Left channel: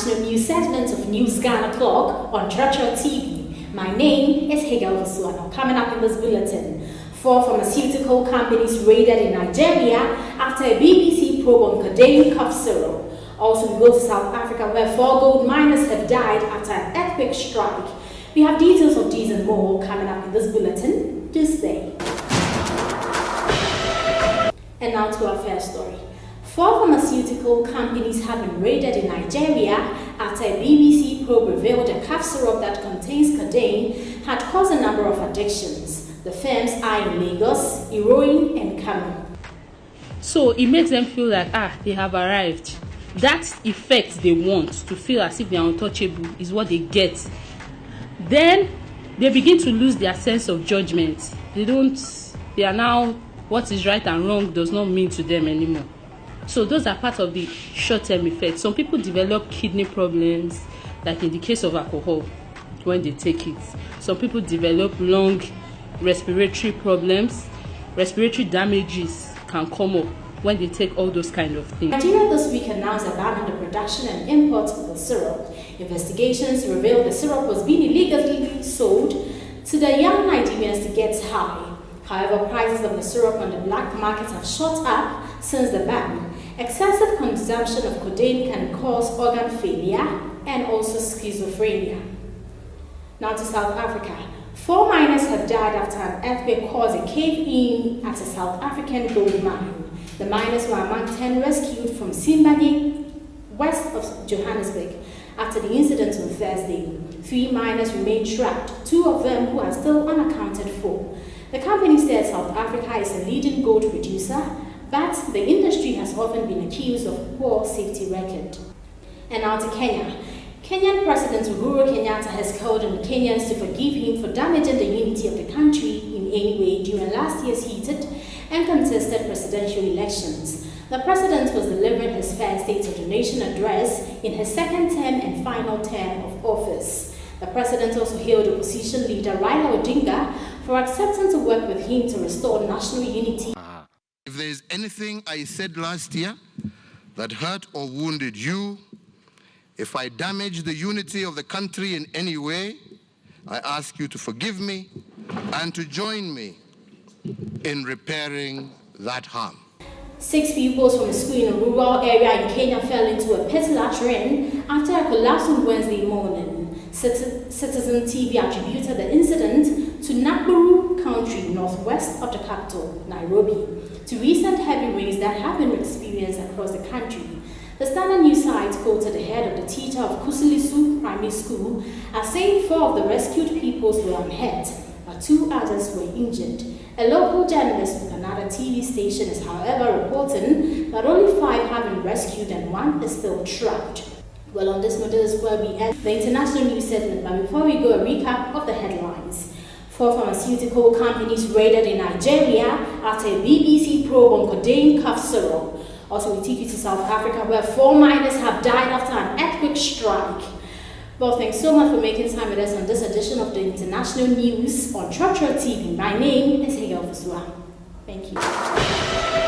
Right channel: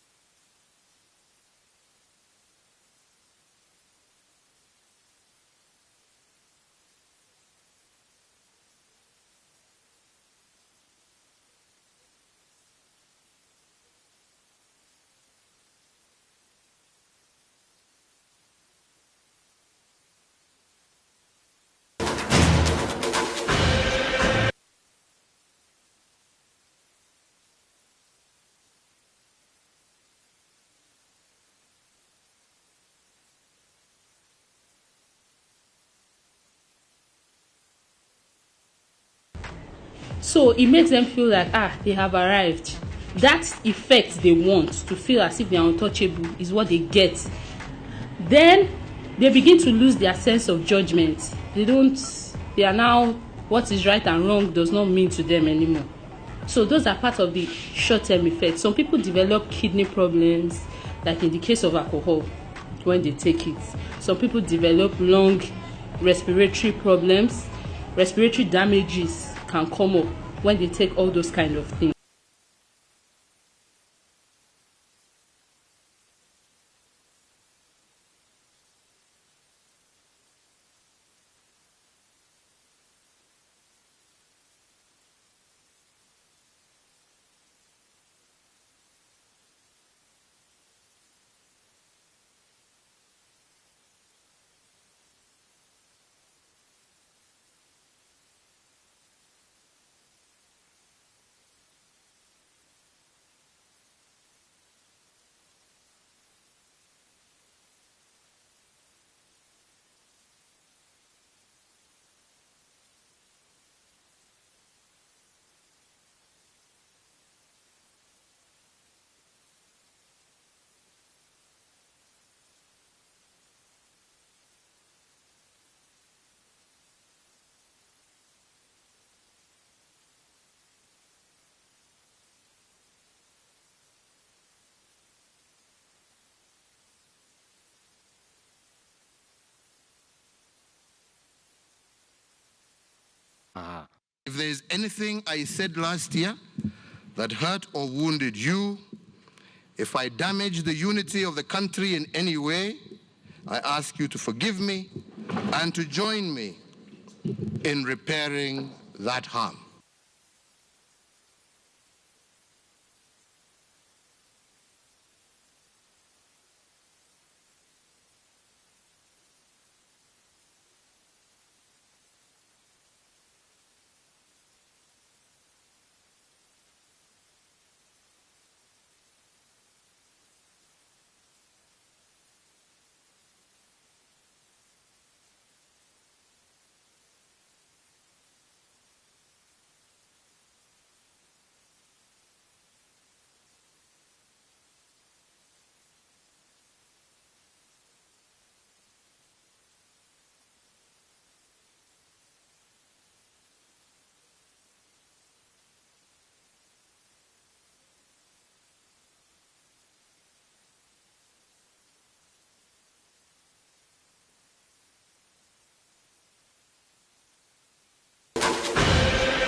international news segment of News Ghana Clock on Trotro TV. My name is Hegel Vasuano. Coming up in this bulletin, 4 pharmaceutical companies raided in Nigeria after a BBC probe on codeine cough syrup. Also, we go to South Africa where 4 gold miners have died after an earthquake strike. We have details of these and more coming up in this bulletin. Do stay. And now to our first story. 4 pharmaceutical companies have been raided in Nigeria after a BBC probe revealed a cough syrup that contains codeine had caused a number of addictions. The firms are in Lagos, Iroyin, and Kano. So it makes them feel like, they have arrived. That effect they want to feel as if they are untouchable is what they get. Then they begin to lose their sense of judgment. They are now, what is right and wrong does not mean to them anymore. So those are part of the short-term effects. Some people develop kidney problems, like in the case of alcohol, when they take it. Some people develop lung respiratory problems. Respiratory damages can come up when they take all those kind of things. Nigeria this week announced a ban on the production and import of the syrup. Investigations revealed the syrup was being illegally sold to the young Nigerians to get high. However, prices of the syrup on the black market have shot up since the ban. Excessive consumption of codeine can cause organ failure and also schizophrenia. Now to South Africa. 4 miners have died after an earthquake caused a cave-in at a South African gold mine. The miners were among 10 rescued from Simbani, west of Johannesburg, after the incident on Thursday. 3 miners remain trapped, 2 of them who are still unaccounted for. The company said South Africa is a leading gold producer, but the industry has often been accused of poor safety record. And now to Kenya. Kenyan President Uhuru Kenyatta has called on Kenyans to forgive him for damaging the unity of the country in any way during last year's heated and contested presidential elections. The president was delivering his first State of the Nation address in his second term and final term of office. The president also hailed opposition leader Raila Odinga for accepting to work with him to restore national unity. If there is anything I said last year that hurt or wounded you, if I damaged the unity of the country in any way, I ask you to forgive me and to join me in repairing that harm. 6 pupils from a school in a rural area in Kenya fell into a pit latrine after a collapse on Wednesday morning. Citizen TV attributed the incident to Nakuru County, northwest of the capital, Nairobi, to recent heavy rains that have been experienced across the country. The Standard News site quoted the head of the teacher of Kusilisu Primary School as saying 4 of the rescued pupils were unhurt, but 2 others were injured. A local journalist with another TV station is, however, reporting that only 5 have been rescued and 1 is still trapped. Well, on this note, this is where we end the international news segment, but before we go, a recap of the headlines. 4 pharmaceutical companies raided in Nigeria after a BBC probe on codeine cough syrup. Also, we take you to South Africa where 4 miners have died after an earthquake strike. Well, thanks so much for making time with us on this edition of the International News on Trotro TV. My name is Hegel Vasuano. Thank you.